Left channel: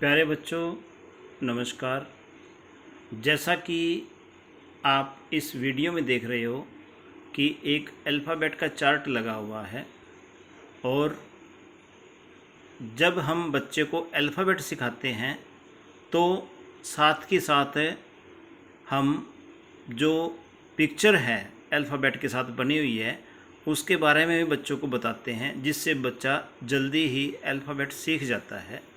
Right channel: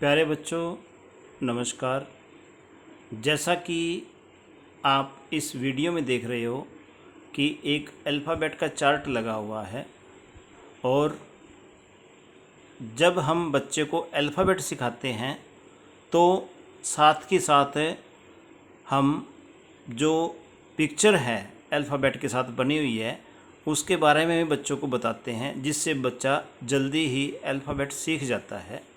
प्यारे बच्चों, नमस्कार। जैसा कि आप इस वीडियो में देख रहे हो कि एक अल्फ़ाबेट का चार्ट लगा हुआ है और जब हम बच्चे को अल्फ़ाबेट सिखाते हैं तो साथ के साथ हम जो पिक्चर है अल्फ़ाबेट के साथ बनी हुई है उसके बारे में भी बच्चों को बताते हैं, जिससे बच्चा जल्दी ही अल्फ़ाबेट सीख जाता है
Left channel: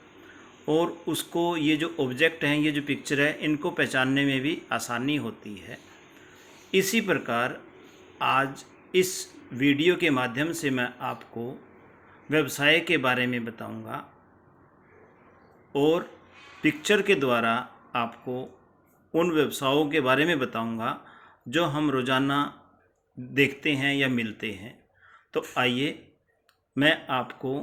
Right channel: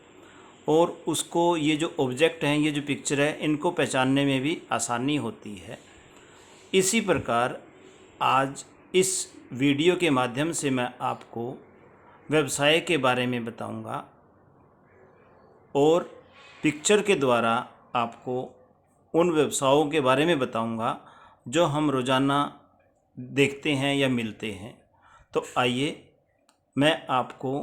और उसको ये जो ऑब्जेक्ट हैं, ये जो पिक्चर है, इनको पहचानने में भी आसानी होती है। इसी प्रकार आज इस वीडियो के माध्यम से मैं आपको व्यवसाय के बारे में बताऊंगा और पिक्चर के द्वारा आपको उन व्यवसायों के बारे में बताऊंगा जो हम रोज़ाना देखते हैं या मिलते हैं। तो आइए मैं आपको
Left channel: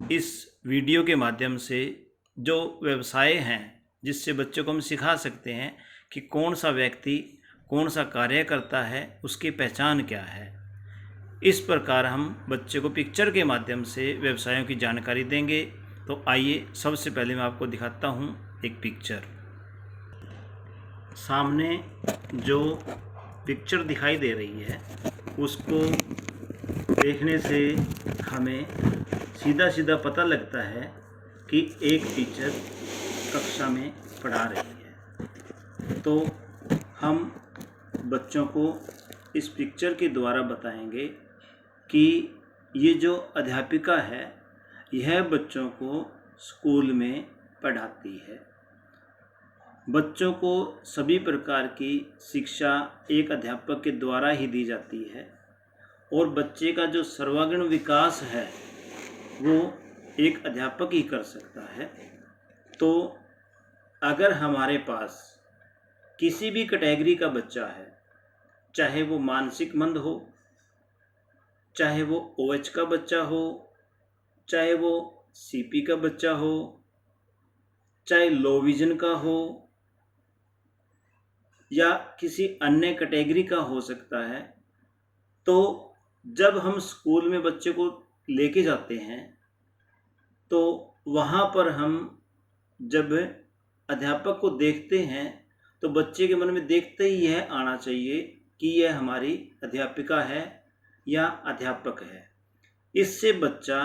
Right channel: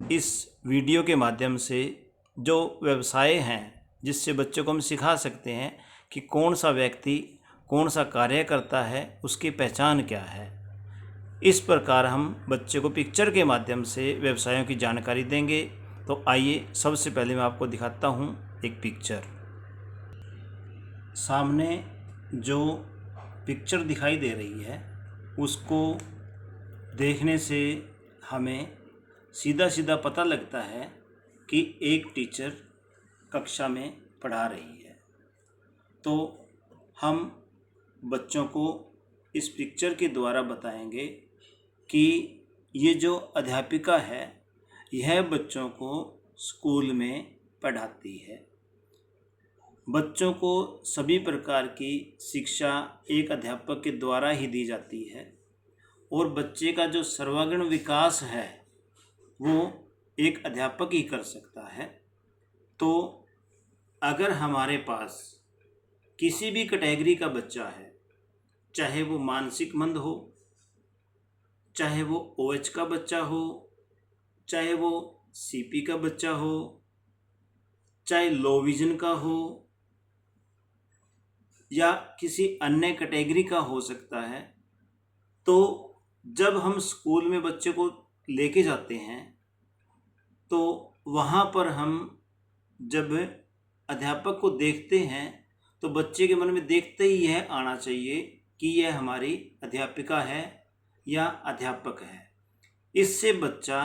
इस वीडियो के माध्यम से जो व्यवसाय हैं जिससे बच्चों को हम सिखा सकते हैं कि कौन सा व्यक्ति कौन सा कार्य करता है, उसकी पहचान क्या है। इस प्रकार हम बच्चे को पिक्चर के माध्यम से व्यवसायों की जानकारी देंगे। तो आइए सबसे पहले मैं आपको दिखाता हूँ एक पिक्चर। सामने जो पिक्चर दिखाई दे रही है उसको देखने से हमें सीधा सीधा पता लगता है कि एक टीचर कक्षा में पढ़ा रही है। तो हम बच्चों को इस पिक्चर के द्वारा बताएंगे कि ये जो अध्यापिका है यह बच्चों को स्कूल में पढ़ाती है। बच्चों को सभी प्रकार की शिक्षा एक अध्यापक के द्वारा ही दी जाती है और बच्चे का जो सर्वांगीण विकास है वो एक अध्यापक ही कर सकता है। तो अगर हमारे पास किसी भी कैटेगरी का बच्चा है, चाहे वो मानसिक मंद हो, चाहे वो ओएच का बच्चा हो, चाहे वो सीपी का बच्चा हो, चाहे लो विजन का हो या किसी अन्य कैटेगरी का हो सकता है, तो जब हम स्कूल में बच्चे को लेके जाते हैं तो वहाँ पर हम जब अध्यापक को देखते हैं तो बच्चे के मन में देखते ही यह आना चाहिए कि यह हमारी अध्यापिका है या अध्यापक है। इससे बच्चा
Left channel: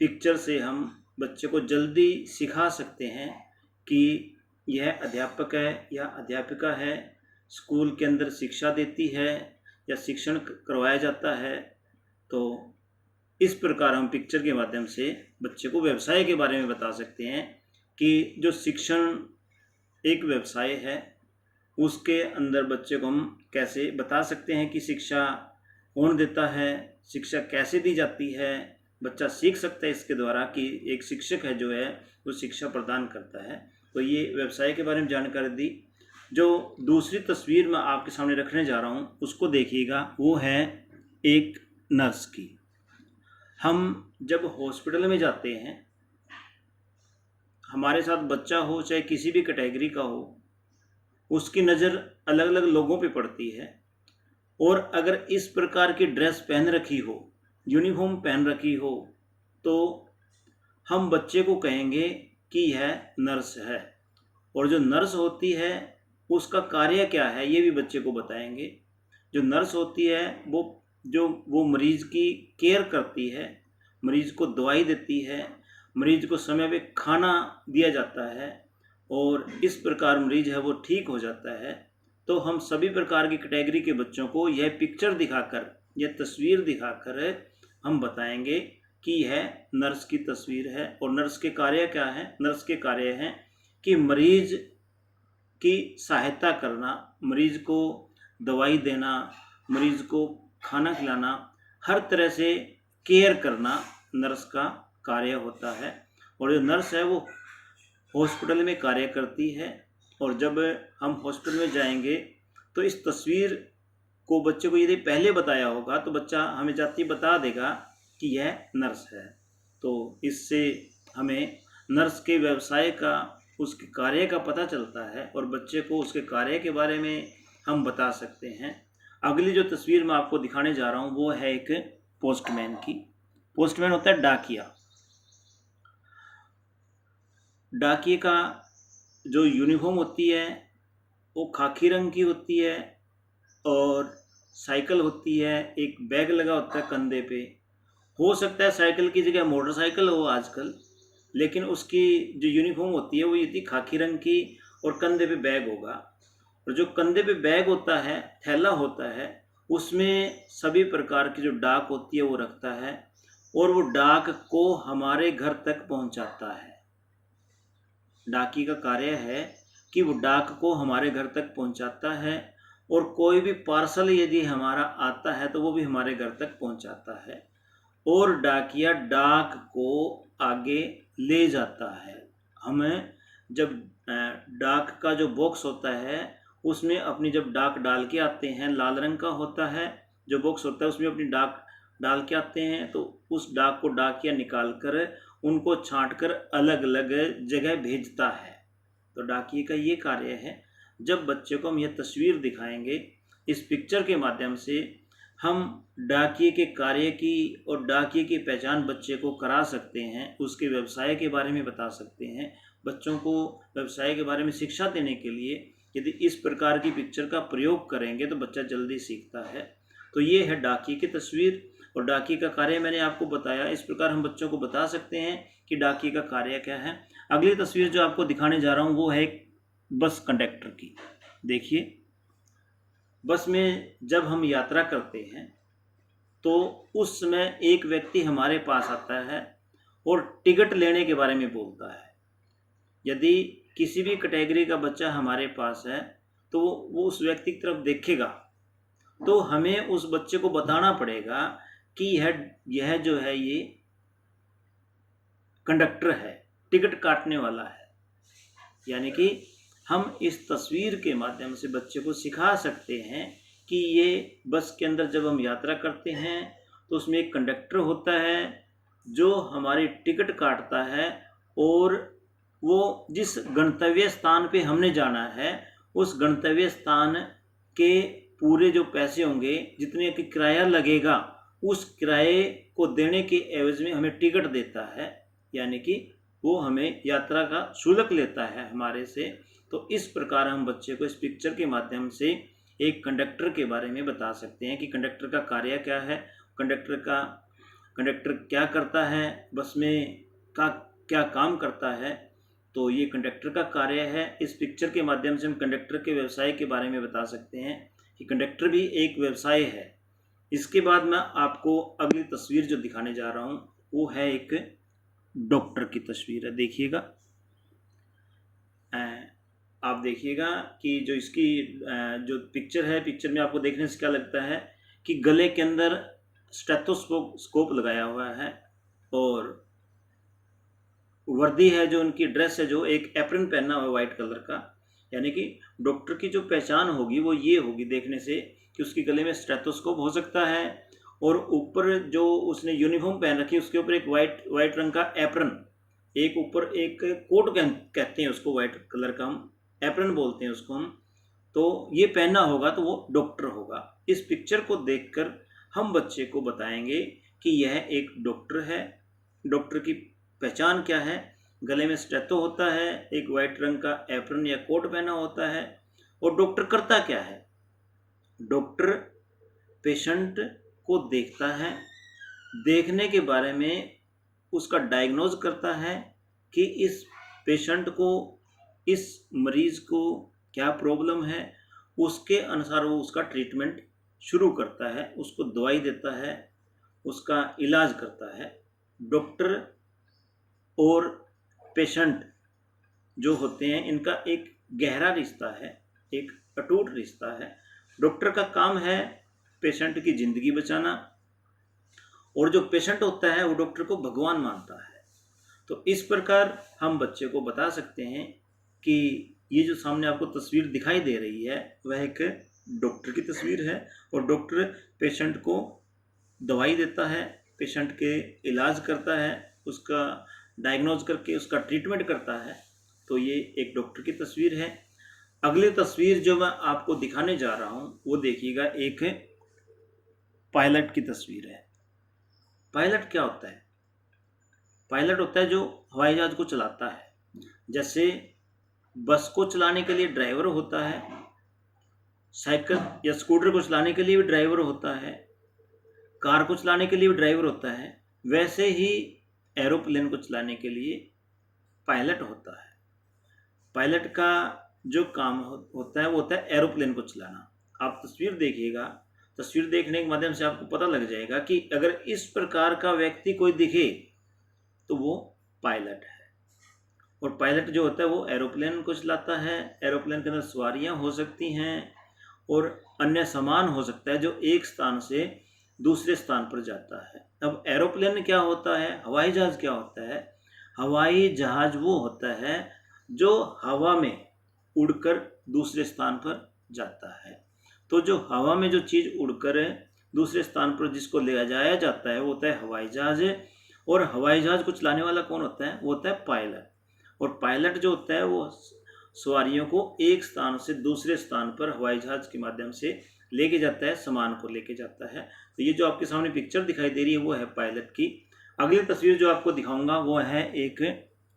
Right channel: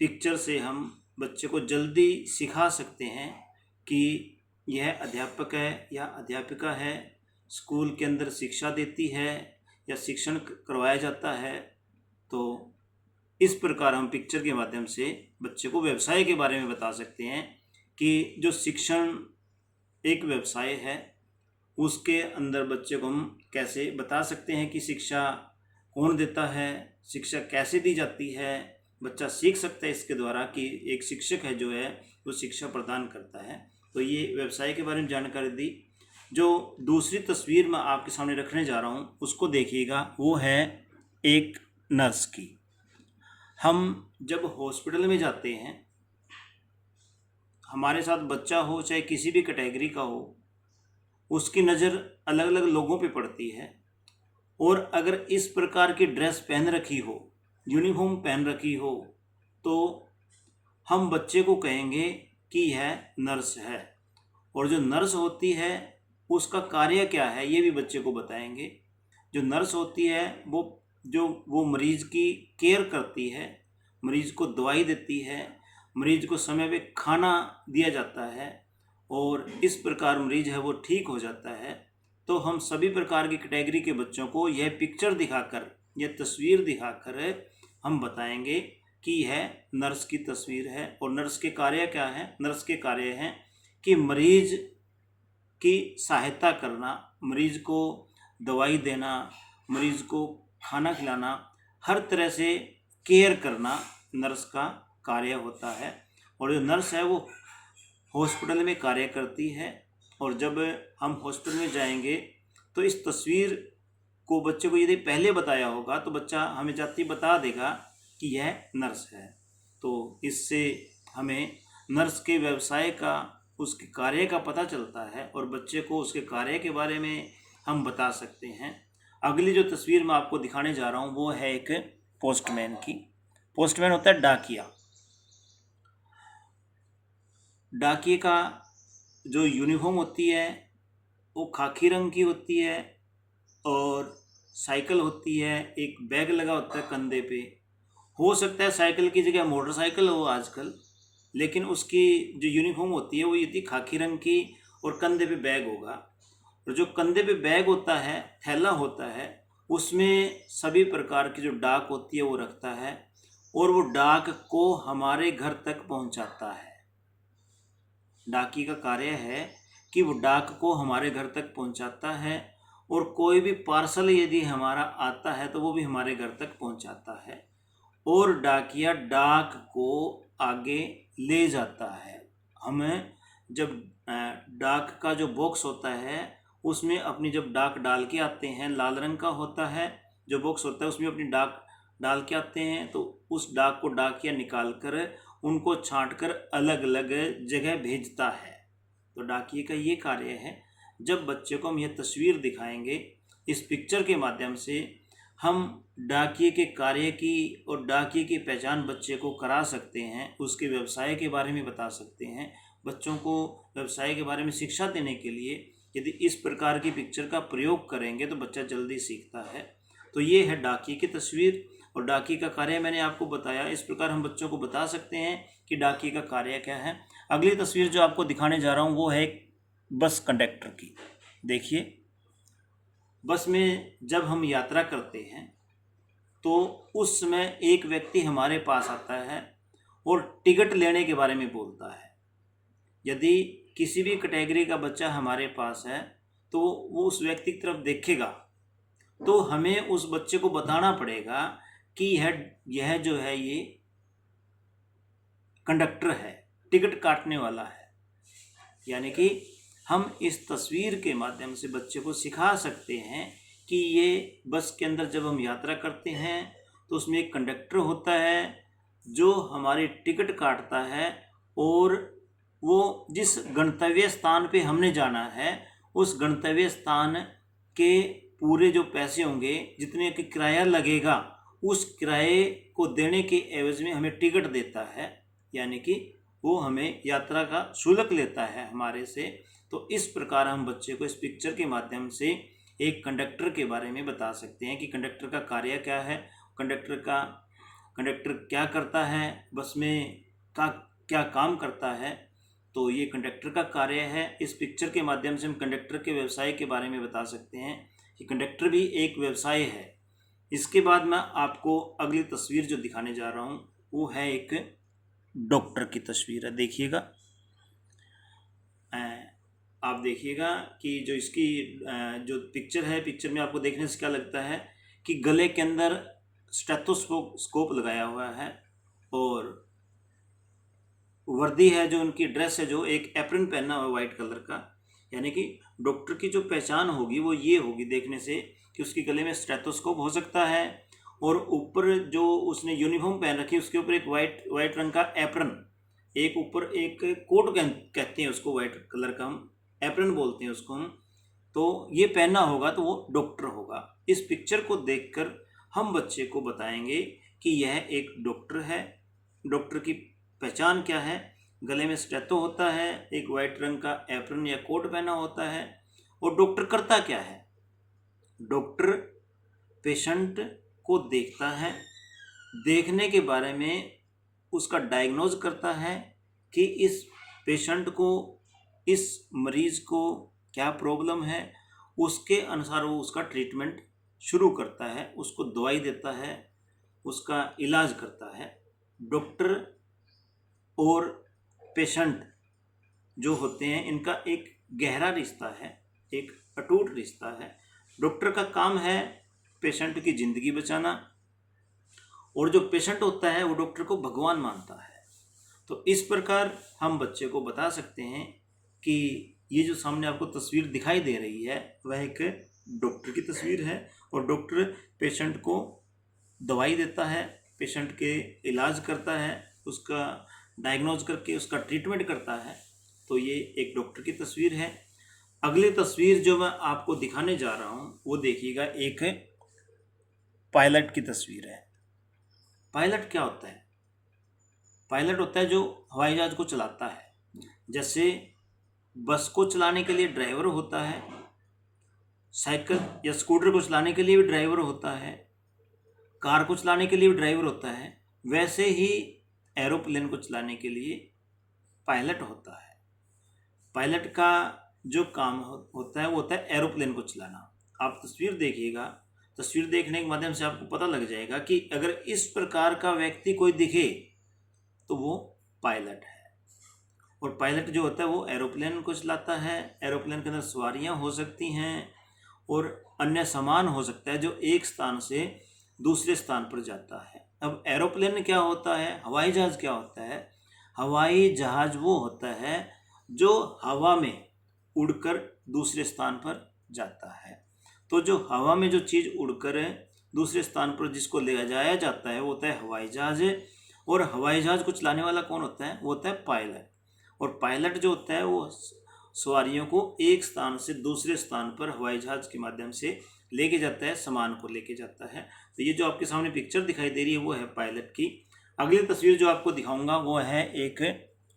पिक्चर से हम बच्चे को जल्दी सिखा सकते हैं कि यह अध्यापक है या अध्यापिका है, स्कूल के अंदर शिक्षा देती है या शिक्षण करवाया जाता है। तो इस प्रकार हम पिक्चर के माध्यम से बच्चे को व्यवसाय के बारे में बता सकते हैं कि जो शिक्षण एक व्यवसाय है उसके अंदर बच्चे को हम कैसे बता सकते हैं कि शिक्षा कौन देता है, शिक्षा कैसे दी जाती है। बच्चा सीख सकता है इसके द्वारा कि एक शिक्षक है जो है वो शिक्षा प्रदान करता है। तो ये व्यवसाय के बारे में जानकारी दी। जो दूसरी तस्वीर मैं आपके सामने रखने जा रहा हूँ उसको देखिएगा, वो है एक नर्स की। हम जब हॉस्पिटल में जाते हैं, हमारे साथ बच्चा हो चाहे किसी भी कैटेगरी का हो, उसकी नज़र अलग अलग लोगों पे पड़ती है और अगर इस प्रकार की ड्रेस पहन रखी हो, यूनिफॉर्म पहन रखी हो, तो हम बच्चे को कहेंगे कि यह नर्स है। और जो नर्स होती है उसका कार्य क्या है ये भी बच्चे को बताएंगे। जो नर्स होती है वो मरीज़ की केयर करती है, मरीज़ को दवाई देती है, मरीज़ को समय पे खाना दिया जाता है और इस प्रकार मरीज़ है वो ठीक हो जाता है। तो हम सभी प्रकार की कैटेगरी के बच्चों को यह पिक्चर दिखाकर, यह तस्वीर दिखाकर हम बताएंगे कि यह नर्स की तस्वीर है। और नर्स के कार्य क्या है? नर्स के कार्य हैं कि मरीज़ की सहायता करना, मरीज़ को दवाई देना, मरीज़ को खाना खिलाना, हर तरह से केयर करना नर्स का कार्य होता है। और जो नर्स है वो हॉस्पिटल में कार्य करती है। और जब हम हॉस्पिटल में जाएंगे तो इस तस्वीर को बच्चे को यदि पहले बताया होगा तो बच्चा हमें जाते ही बता देगा कि यह नर्स है। तो इससे हमें नर्स के व्यवसाय का, उसके कार्य का पता चलता है और बच्चे को उसके कार्य के बारे में हम बता सकते हैं। अगली जो तस्वीर मैं आपको दिखाने जा रहा हूँ वो है एक पोस्टमैन की। पोस्टमैन होता है डाकिया। डाकिए का जो यूनिफॉर्म होती है वो खाकी रंग की होती है, और साइकिल होती है, एक बैग लगा होता है कंधे पे। हो सकता है साइकिल की जगह मोटरसाइकिल हो आजकल, लेकिन उसकी जो यूनिफॉर्म होती है वो ये थी खाकी रंग की, और कंधे पे बैग होगा। और जो कंधे पे बैग होता है, थैला होता है, उसमें सभी प्रकार की जो डाक होती है वो रखता है, और वो डाक को हमारे घर तक पहुंचाता है। डाकी का कार्य है कि वो डाक को हमारे घर तक पहुंचाता है, और कोई भी पार्सल यदि हमारा आता है तो वो भी हमारे घर तक पहुंचाता है, और डाकिया डाक को आगे ले जाता है। हमें जब डाक का जो बॉक्स होता है उसमें अपनी जब डाक डाल के आते हैं, लाल रंग का होता है जो बॉक्स होता है, उसमें अपनी डाक डाल के आते हैं, तो उस डाक को डाकिया निकाल कर उनको छांट कर अलग अलग जगह भेजता है। तो डाकिए का ये कार्य है। जब बच्चे को हम यह तस्वीर दिखाएंगे, इस पिक्चर के माध्यम से हम डाकिए के कार्य की और डाकिए की पहचान बच्चे को करा सकते हैं, उसके व्यवसाय के बारे में बता सकते हैं। बच्चों को व्यवसाय के बारे में शिक्षा देने के लिए यदि इस प्रकार की पिक्चर का प्रयोग करेंगे तो बच्चा जल्दी सीखता है। तो ये है डाकिए की तस्वीर, और डाकिए का कार्य मैंने आपको बताया। इस प्रकार हम बच्चों को बता सकते हैं कि डाकिए का कार्य क्या है। अगली तस्वीर जो आपको दिखाने जा रहा हूँ वो है एक बस कंडक्टर की। देखिए, बस में जब हम यात्रा करते हैं तो उस समय एक व्यक्ति हमारे पास आता है और टिकट लेने के बारे में बोलता है। यदि किसी भी कैटेगरी का बच्चा हमारे पास है तो वो उस व्यक्ति की तरफ देखेगा, तो हमें उस बच्चे को बताना पड़ेगा कि यह जो है ये कंडक्टर है, टिकट काटने वाला है। यानी कि हम इस तस्वीर के माध्यम से बच्चे को सिखा सकते हैं कि ये बस के अंदर जब हम यात्रा करते हैं तो उसमें एक कंडक्टर होता है जो हमारी टिकट काटता है, और वो जिस गंतव्य स्थान पे हमने जाना है उस गंतव्य स्थान के पूरे जो पैसे होंगे, जितने की किराया लगेगा, उस किराए को देने के एवज में हमें टिकट देता है। यानी कि वो हमें यात्रा का शुल्क लेता है हमारे से। तो इस प्रकार हम बच्चे को इस पिक्चर के माध्यम से एक कंडक्टर के बारे में बता सकते हैं कि कंडक्टर का कार्य क्या है, कंडक्टर क्या करता है, बस में का क्या काम करता है। तो ये कंडक्टर का कार्य है। इस पिक्चर के माध्यम से हम कंडक्टर के व्यवसाय के बारे में बता सकते हैं कि कंडक्टर भी एक व्यवसाय है। इसके बाद मैं आपको अगली तस्वीर जो दिखाने जा रहा हूँ वो है एक डॉक्टर की तस्वीर है। देखिएगा, आप देखिएगा कि जो इसकी जो पिक्चर है, पिक्चर में आपको देखने से क्या लगता है कि गले के अंदर स्टेथोस्कोप लगाया हुआ है, और वर्दी है जो उनकी ड्रेस है, जो एक एप्रन पहना हुआ वाइट कलर का। यानी कि डॉक्टर की जो पहचान होगी वो ये होगी देखने से कि उसके गले में स्टेथोस्कोप हो सकता है, और ऊपर जो उसने यूनिफॉर्म पहन रखी है उसके ऊपर एक वाइट रंग का एप्रन, एक ऊपर एक कोट कहते हैं उसको, वाइट कलर का हम एप्रन बोलते हैं उसको हम। तो ये पहना होगा तो वो डॉक्टर होगा। इस पिक्चर को देखकर हम बच्चे को बताएंगे कि यह एक डॉक्टर है। डॉक्टर की पहचान क्या है, गले में स्टेथो होता है, एक वाइट रंग का एप्रन या कोट पहना होता है। और डॉक्टर करता क्या है, डॉक्टर पेशेंट को देखता है, देखने के बारे में उसका डायग्नोज करता है कि इस पेशेंट को, इस मरीज को क्या प्रॉब्लम है, उसके अनुसार वो उसका ट्रीटमेंट शुरू करता है, उसको दवाई देता है, उसका इलाज करता है। डॉक्टर और पेशेंट जो होते हैं इनका एक गहरा रिश्ता है, एक अटूट रिश्ता है। डॉक्टर का काम है पेशेंट की ज़िंदगी बचाना, और जो पेशेंट होता है वो डॉक्टर को भगवान मानता है। तो इस प्रकार हम बच्चे को बता सकते हैं कि ये जो सामने आपको तस्वीर दिखाई दे रही है वह एक डॉक्टर की तस्वीर है, और डॉक्टर पेशेंट को दवाई देता है, पेशेंट के इलाज करता है, उसका डायग्नोज करके उसका ट्रीटमेंट करता है। तो ये एक डॉक्टर की तस्वीर है। अगली तस्वीर जो मैं आपको दिखाने जा रहा हूँ वो देखिएगा, एक पायलट की तस्वीर है। पायलट क्या होता है, पायलट होता है जो हवाई जहाज को चलाता है। जैसे बस को चलाने के लिए ड्राइवर होता है, साइकिल या स्कूटर को चलाने के लिए भी ड्राइवर होता है, कार को चलाने के लिए भी ड्राइवर होता है, वैसे ही एरोप्लेन को चलाने के लिए पायलट होता है। पायलट का जो काम होता है वो होता है एरोप्लेन को चलाना। आप तस्वीर देखिएगा, तस्वीर देखने के माध्यम से आपको पता लग जाएगा कि अगर इस प्रकार का व्यक्ति कोई दिखे तो वो पायलट है। और पायलट जो होता है वो एरोप्लेन को चलाता है। एरोप्लेन के अंदर सवारियां हो सकती हैं और अन्य सामान हो सकता है जो एक स्थान से दूसरे स्थान पर जाता है। अब एरोप्लेन क्या होता है, हवाई जहाज़ क्या होता है? हवाई जहाज़ वो होता है जो हवा में उड़कर दूसरे स्थान पर जाता है। तो जो हवा में जो चीज़ उड़कर दूसरे स्थान पर जिसको ले जाया जाता है वो होता है हवाई जहाज़। और हवाई जहाज़ को चलाने वाला कौन होता है? वो होता है पायलट। और पायलट जो होता है वो सवारियों को एक स्थान से दूसरे स्थान पर हवाई जहाज़ के माध्यम से लेके जाता है, सामान को लेके जाता है। तो ये जो आपके सामने पिक्चर दिखाई दे रही है वो है पायलट की। अगली तस्वीर जो आपको दिखाऊंगा वो है एक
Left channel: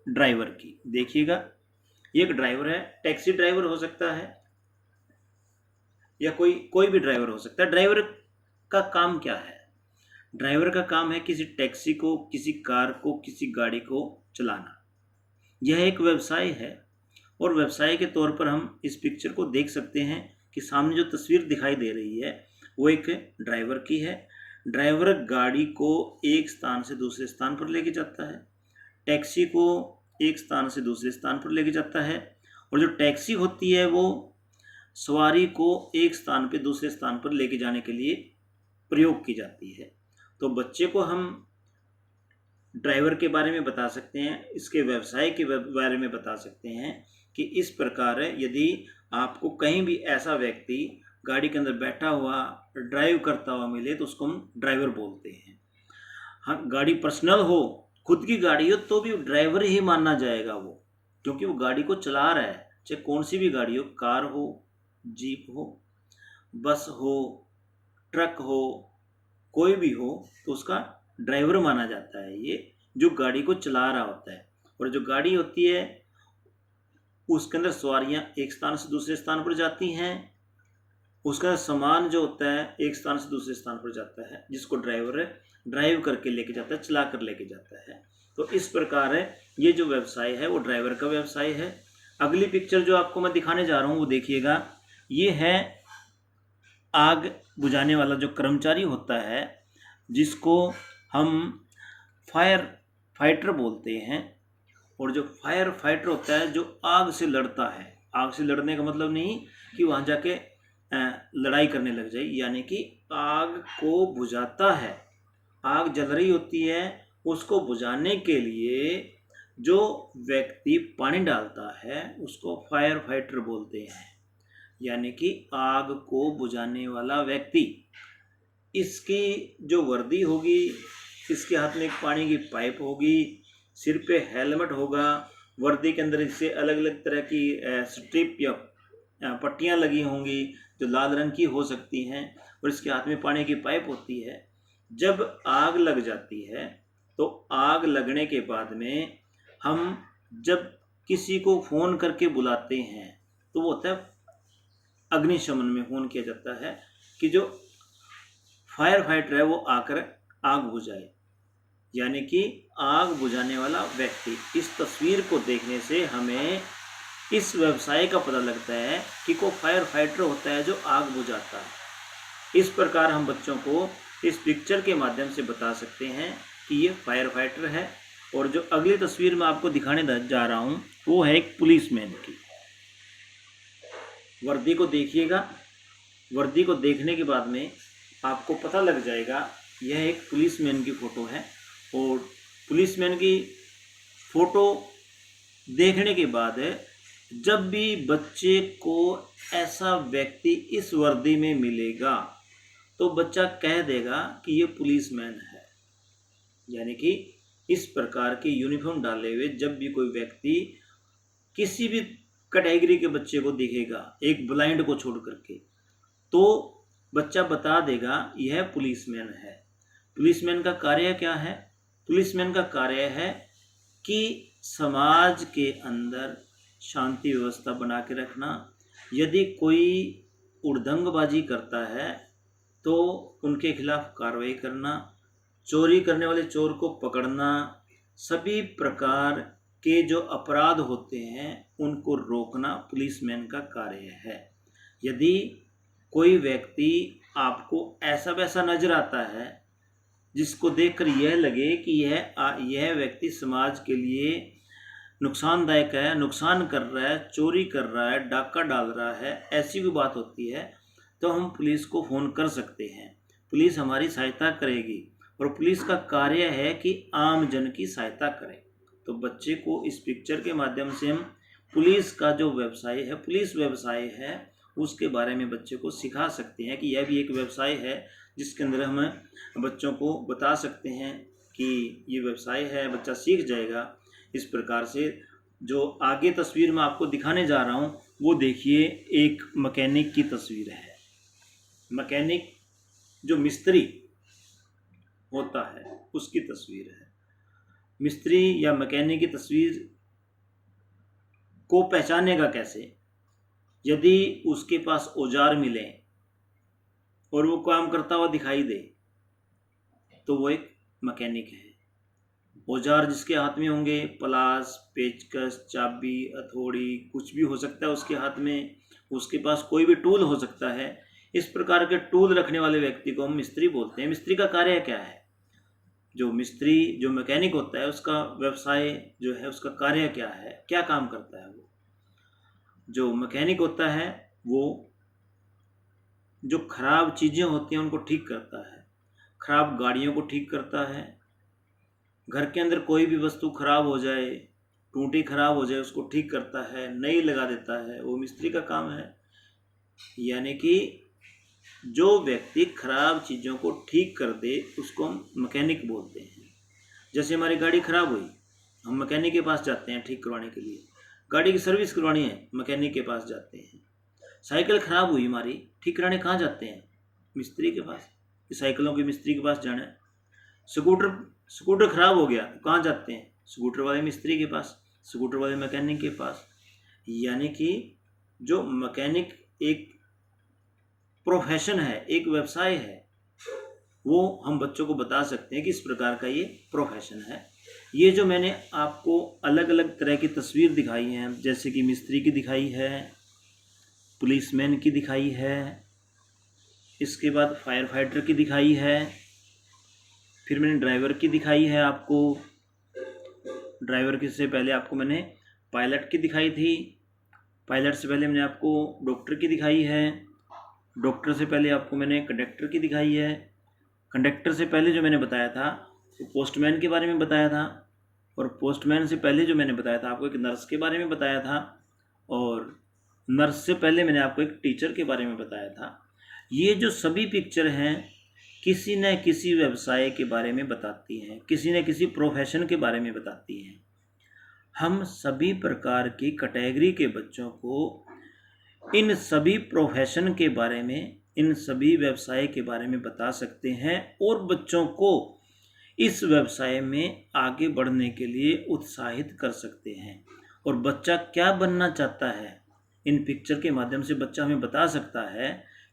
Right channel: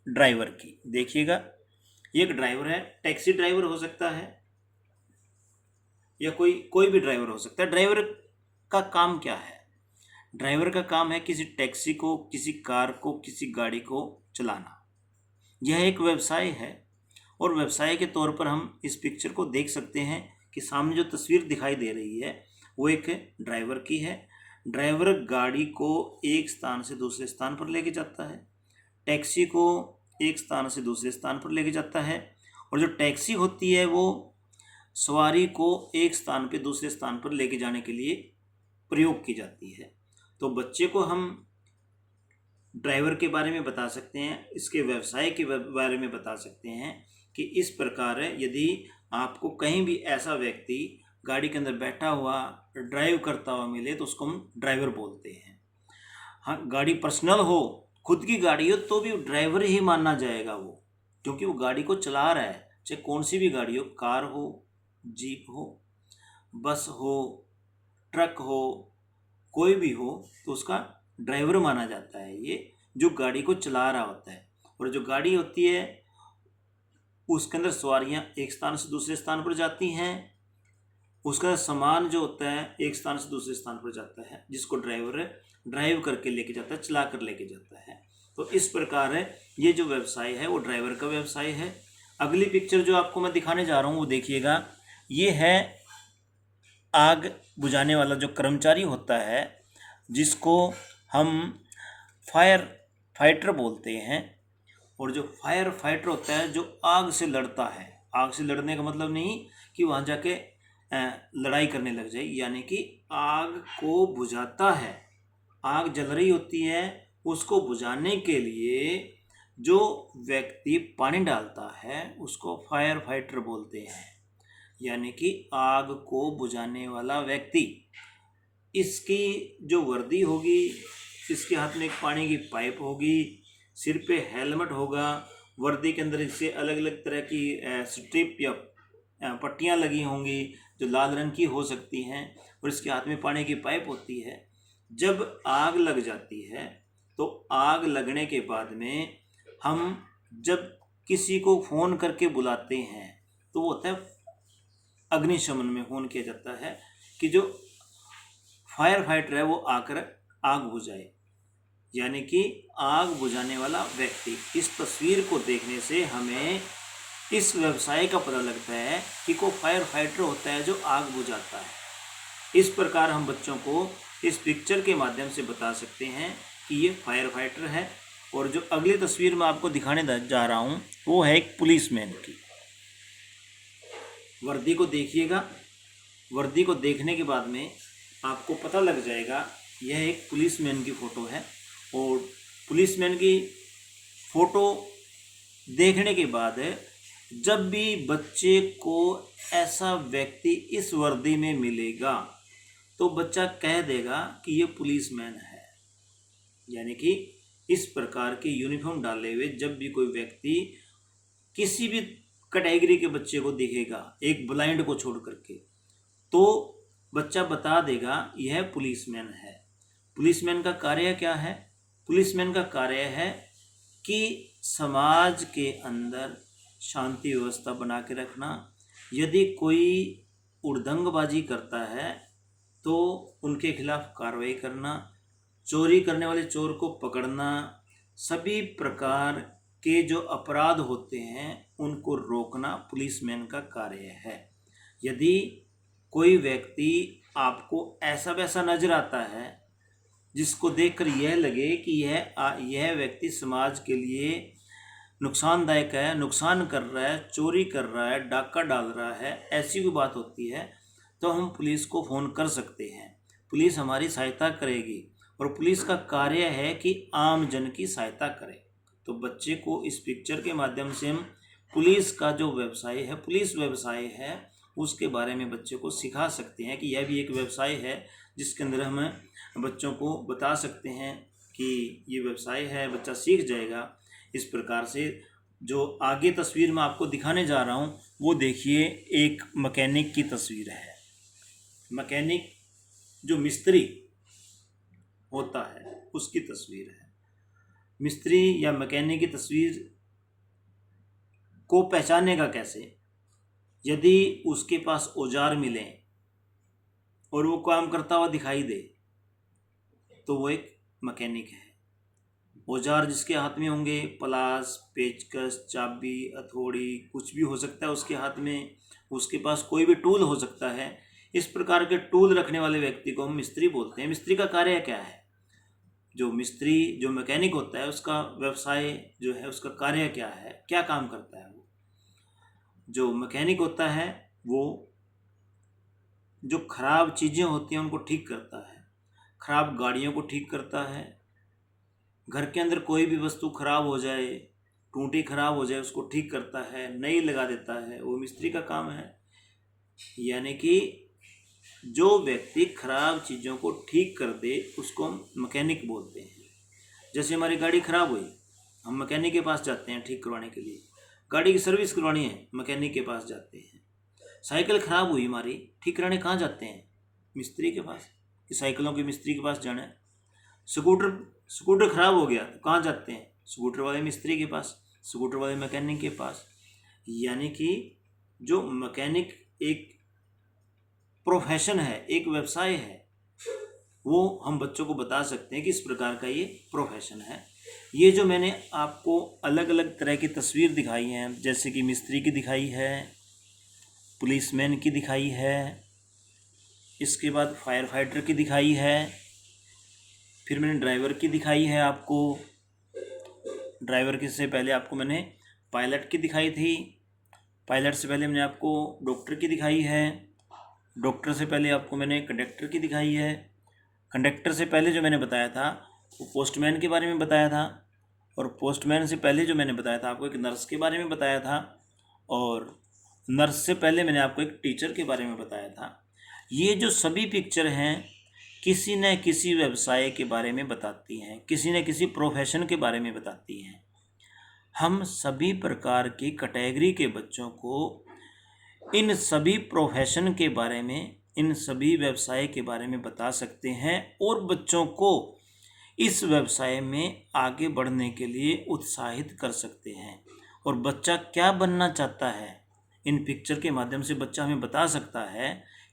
ड्राइवर की। देखिएगा, ये एक ड्राइवर है, टैक्सी ड्राइवर हो सकता है या कोई भी ड्राइवर हो सकता है। ड्राइवर का काम क्या है? ड्राइवर का काम है किसी टैक्सी को, किसी कार को, किसी गाड़ी को चलाना। यह एक व्यवसाय है और व्यवसाय के तौर पर हम इस पिक्चर को देख सकते हैं कि सामने जो तस्वीर दिखाई दे रही है वो एक ड्राइवर की है। ड्राइवर गाड़ी को एक स्थान से दूसरे स्थान पर लेके जाता है, टैक्सी को एक स्थान से दूसरे स्थान पर लेके जाता है। और जो टैक्सी होती है वो सवारी को एक स्थान पे दूसरे स्थान पर लेके जाने के लिए प्रयोग की जाती है। तो बच्चे को हम ड्राइवर के बारे में बता सकते हैं, इसके व्यवसाय के बारे में बता सकते हैं कि इस प्रकार यदि आपको कहीं भी ऐसा व्यक्ति गाड़ी के अंदर बैठा हुआ ड्राइव करता हुआ मिले तो उसको हम ड्राइवर बोलते हैं। हाँ, गाड़ी पर्सनल हो, खुद की गाड़ी हो तो भी ड्राइवर ही माना जाएगा वो, क्योंकि वो गाड़ी को चला रहा है। चाहे कौन सी भी गाड़ी हो, कार हो, जीप हो, बस हो, ट्रक हो, कोई भी हो, तो उसका ड्राइवर माना जाता है ये जो गाड़ी को चला रहा होता है। और जो गाड़ी होती है उसके अंदर सवारियां एक स्थान से दूसरे स्थान पर जाती हैं, उसका सामान जो होता है एक स्थान से दूसरे स्थान पर जाता है, जिसको ड्राइवर ड्राइव करके लेके जाता है, चला कर लेके जाता है। तो इस प्रकार ये जो व्यवसाय है वो ड्राइवर का व्यवसाय है। अगली पिक्चर जो आपको मैं दिखाने जा रहा हूँ वो देखिएगा, ये है आग बुझाने वाला जो कर्मचारी होता है जिसको हम फायर फाइटर बोलते हैं। और जो फायर फाइटर होता है जो आग से लड़ता है, आग से लड़ने का मतलब नहीं कि वहाँ जाके लड़ाई करने लग जाए, यानी कि आग को बुझाता है। आग जल रही होती है, उसको बुझाने के लिए जो व्यक्ति पानी डालता है उसको फायर फाइटर बोलते हैं, यानी कि आग को बुझाने वाला व्यक्ति। इसकी जो वर्दी होगी, इसके हाथ में एक पानी की पाइप होगी, सिर पे हेलमेट होगा, वर्दी के अंदर इससे अलग अलग तरह की स्ट्रिप या पट्टियाँ लगी होंगी जो लाल रंग की हो सकती हैं, और इसके हाथ में पानी की पाइप होती है। जब आग लग जाती है तो आग लगने के बाद में हम जब किसी को फ़ोन करके बुलाते हैं तो वो होता है अग्निशमन में फ़ोन किया जाता है कि जो फायर फाइटर है वो आकर आग बुझाए, यानी कि आग बुझाने वाला व्यक्ति। इस तस्वीर को देखने से हमें इस व्यवसाय का पता लगता है कि कोई फायर फाइटर होता है जो आग बुझाता है। इस प्रकार हम बच्चों को इस पिक्चर के माध्यम से बता सकते हैं कि ये फायर फाइटर है। और जो अगली तस्वीर मैं आपको दिखाने जा रहा हूँ वो है एक पुलिसमैन की। वर्दी को देखिएगा, वर्दी को देखने के बाद में आपको पता लग जाएगा यह एक पुलिसमैन की फ़ोटो है। और पुलिसमैन की फ़ोटो देखने के बाद जब भी बच्चे को ऐसा व्यक्ति इस वर्दी में मिलेगा तो बच्चा कह देगा कि ये पुलिसमैन है, यानी कि इस प्रकार की यूनिफॉर्म डाले हुए जब भी कोई व्यक्ति किसी भी कैटेगरी के बच्चे को दिखेगा, एक ब्लाइंड को छोड़ करके, तो बच्चा बता देगा यह पुलिसमैन है। पुलिसमैन का कार्य क्या है? पुलिसमैन का कार्य है कि समाज के अंदर शांति व्यवस्था बना के रखना। यदि कोई उड़दंगबाजी करता है तो उनके खिलाफ कार्रवाई करना, चोरी करने वाले चोर को पकड़ना, सभी प्रकार के जो अपराध होते हैं उनको रोकना पुलिसमैन का कार्य है। यदि कोई व्यक्ति आपको ऐसा वैसा नजर आता है जिसको देखकर यह लगे कि यह व्यक्ति समाज के लिए नुकसानदायक है, नुकसान कर रहा है, चोरी कर रहा है, डाका डाल रहा है, ऐसी कोई बात होती है तो हम पुलिस को फ़ोन कर सकते हैं। पुलिस हमारी सहायता करेगी और पुलिस का कार्य है कि आम जन की सहायता करे। तो बच्चे को इस पिक्चर के माध्यम से हम पुलिस का जो व्यवसाय है, पुलिस व्यवसाय है, उसके बारे में बच्चे को सिखा सकते हैं कि यह भी एक व्यवसाय है जिसके अंदर हम बच्चों को बता सकते हैं कि ये व्यवसाय है, बच्चा सीख जाएगा। इस प्रकार से जो आगे तस्वीर मैं आपको दिखाने जा रहा हूँ वो देखिए, एक मैकेनिक की तस्वीर है। मैकेनिक जो मिस्त्री होता है उसकी तस्वीर है। मिस्त्री या मैकेनिक की तस्वीर को पहचानेगा कैसे? यदि उसके पास औजार मिले और वो काम करता हुआ दिखाई दे तो वो एक मैकेनिक है। औजार जिसके हाथ में होंगे, पलास, पेचकस, चाबी, हथौड़ी, कुछ भी हो सकता है उसके हाथ में, उसके पास कोई भी टूल हो सकता है। इस प्रकार के टूल रखने वाले व्यक्ति को हम मिस्त्री बोलते हैं। मिस्त्री का कार्य क्या है? जो मिस्त्री, जो मैकेनिक होता है, उसका व्यवसाय जो है, उसका कार्य क्या है, क्या काम करता है? वो जो मैकेनिक होता है वो जो खराब चीज़ें होती हैं उनको ठीक करता है, खराब गाड़ियों को ठीक करता है, घर के अंदर कोई भी वस्तु खराब हो जाए, टूटी खराब हो जाए, उसको ठीक करता है, नई लगा देता है, वो मिस्त्री का काम है। यानी कि जो व्यक्ति खराब चीज़ों को ठीक कर दे उसको हम मैकेनिक बोलते हैं। जैसे हमारी गाड़ी खराब हुई, हम मैकेनिक के पास जाते हैं ठीक करवाने के लिए। गाड़ी की सर्विस करवानी है, मैकेनिक के पास जाते हैं। साइकिल खराब हुई हमारी, ठीक कराने कहाँ जाते हैं? मिस्त्री के पास, कि साइकिलों के मिस्त्री के पास जाना है। स्कूटर खराब हो गया तो कहाँ जाते हैं? स्कूटर वाले मिस्त्री के पास, स्कूटर वाले मैकेनिक के पास। यानी कि जो मैकेनिक एक प्रोफेशन है, एक व्यवसाय है, वो हम बच्चों को बता सकते हैं कि इस प्रकार का ये प्रोफेशन है। ये जो मैंने आपको अलग अलग तरह की तस्वीर दिखाई हैं, जैसे कि मिस्त्री की दिखाई है, पुलिसमैन की दिखाई है, इसके बाद फायर फाइटर की दिखाई है, फिर मैंने ड्राइवर की दिखाई है आपको। ड्राइवर के से पहले आपको मैंने पायलट की दिखाई थी। पायलट से पहले मैंने आपको डॉक्टर की दिखाई है। डॉक्टर से पहले आपको मैंने कंडक्टर की दिखाई है। कंडक्टर से पहले जो मैंने बताया था वो पोस्टमैन के बारे में बताया था। और पोस्टमैन से पहले जो मैंने बताया था आपको एक नर्स के बारे में बताया था। और नर्स से पहले मैंने आपको एक टीचर के बारे में बताया था। ये जो सभी पिक्चर हैं किसी न किसी व्यवसाय के बारे में बताती हैं, किसी न किसी प्रोफेशन के बारे में बताती हैं। हम सभी प्रकार की कैटेगरी के बच्चों को इन सभी प्रोफेशन के बारे में, इन सभी व्यवसाय के बारे में बता सकते हैं और बच्चों को इस व्यवसाय में आगे बढ़ने के लिए उत्साहित कर सकते हैं। और बच्चा क्या बनना चाहता है, इन पिक्चर के माध्यम से बच्चा हमें बता सकता है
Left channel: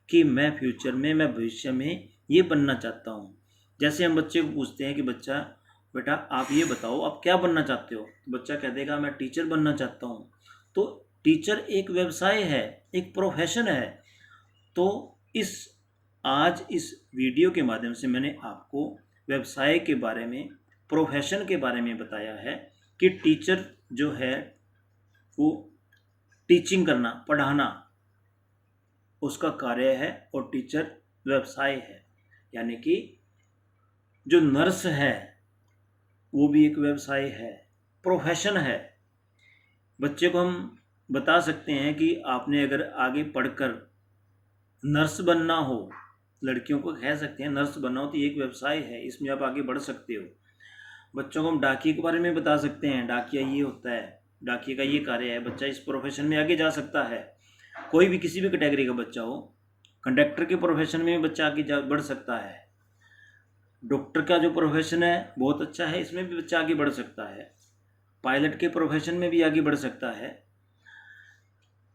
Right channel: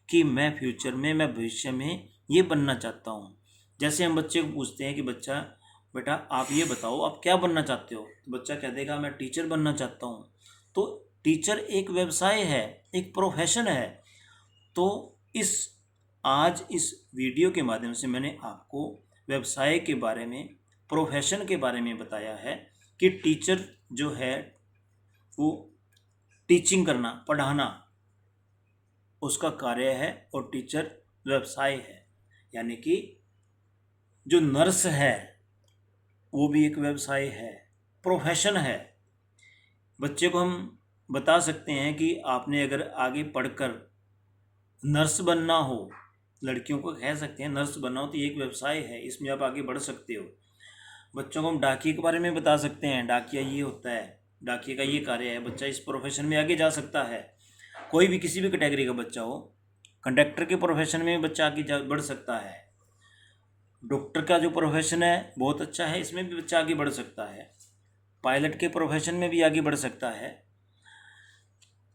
कि मैं फ्यूचर में, मैं भविष्य में ये बनना चाहता हूँ। जैसे हम बच्चे को पूछते हैं कि बच्चा, बेटा आप ये बताओ आप क्या बनना चाहते हो, तो बच्चा कह देगा मैं टीचर बनना चाहता हूँ। तो टीचर एक व्यवसाय है, एक प्रोफेशन है। तो आज इस वीडियो के माध्यम से मैंने आपको व्यवसाय के बारे में, प्रोफेशन के बारे में बताया है कि टीचर जो है वो टीचिंग करना, पढ़ाना उसका कार्य है और टीचर व्यवसाय है। यानी कि जो नर्स है वो भी एक व्यवसाय है, प्रोफेशन है। बच्चे को हम बता सकते हैं कि आपने अगर आगे पढ़कर नर्स बनना हो, लड़कियों को कह सकते हैं नर्स बनना हो तो ये एक व्यवसाय है, इसमें आप आगे बढ़ सकते हो। बच्चों को हम डाकिये के बारे में बता सकते हैं, डाकिया ये होता है, डाकिये का ये कार्य है, बच्चा इस प्रोफेशन में आगे जा सकता है। कोई भी किसी भी कैटेगरी का बच्चा हो, कंडक्टर के प्रोफेशन में बच्चा आगे बढ़ सकता है। डॉक्टर का जो प्रोफेशन है बहुत अच्छा है, इसमें भी बच्चा आगे बढ़ सकता है। पायलट के प्रोफेशन में भी आगे बढ़ सकता है।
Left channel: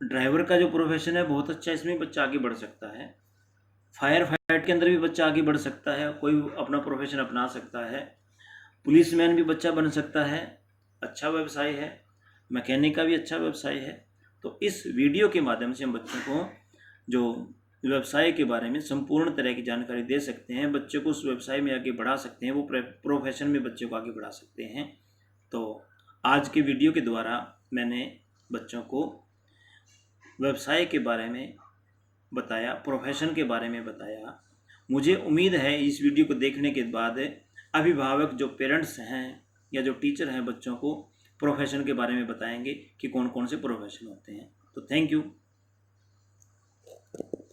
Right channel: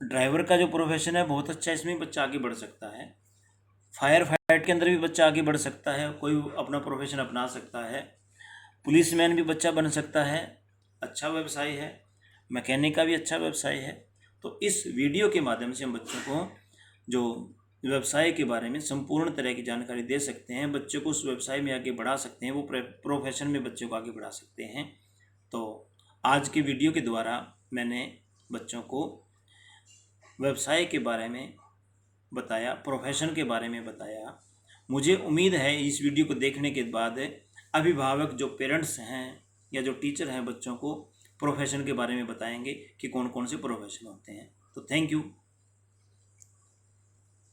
ड्राइवर का जो प्रोफेशन है बहुत अच्छा है, इसमें बच्चा आगे बढ़ सकता है। फायर फाइट के अंदर भी बच्चा आगे बढ़ सकता है, कोई अपना प्रोफेशन अपना सकता है। पुलिसमैन भी बच्चा बन सकता है, अच्छा व्यवसाय है। मैकेनिक का भी अच्छा व्यवसाय है। तो इस वीडियो के माध्यम से हम बच्चों को जो व्यवसाय के बारे में संपूर्ण तरह की जानकारी दे सकते हैं, बच्चों को उस व्यवसाय में आगे बढ़ा सकते हैं, वो प्रोफेशन में बच्चों को आगे बढ़ा सकते हैं। तो आज के वीडियो के द्वारा मैंने बच्चों को व्यवसाय के बारे में बताया, प्रोफेशन के बारे में बताया। मुझे उम्मीद है इस वीडियो को देखने के बाद अभिभावक जो पेरेंट्स हैं या जो टीचर हैं बच्चों को प्रोफेशन के बारे में बताएंगे कि कौन कौन से प्रोफेशन होते हैं। तो थैंक यू।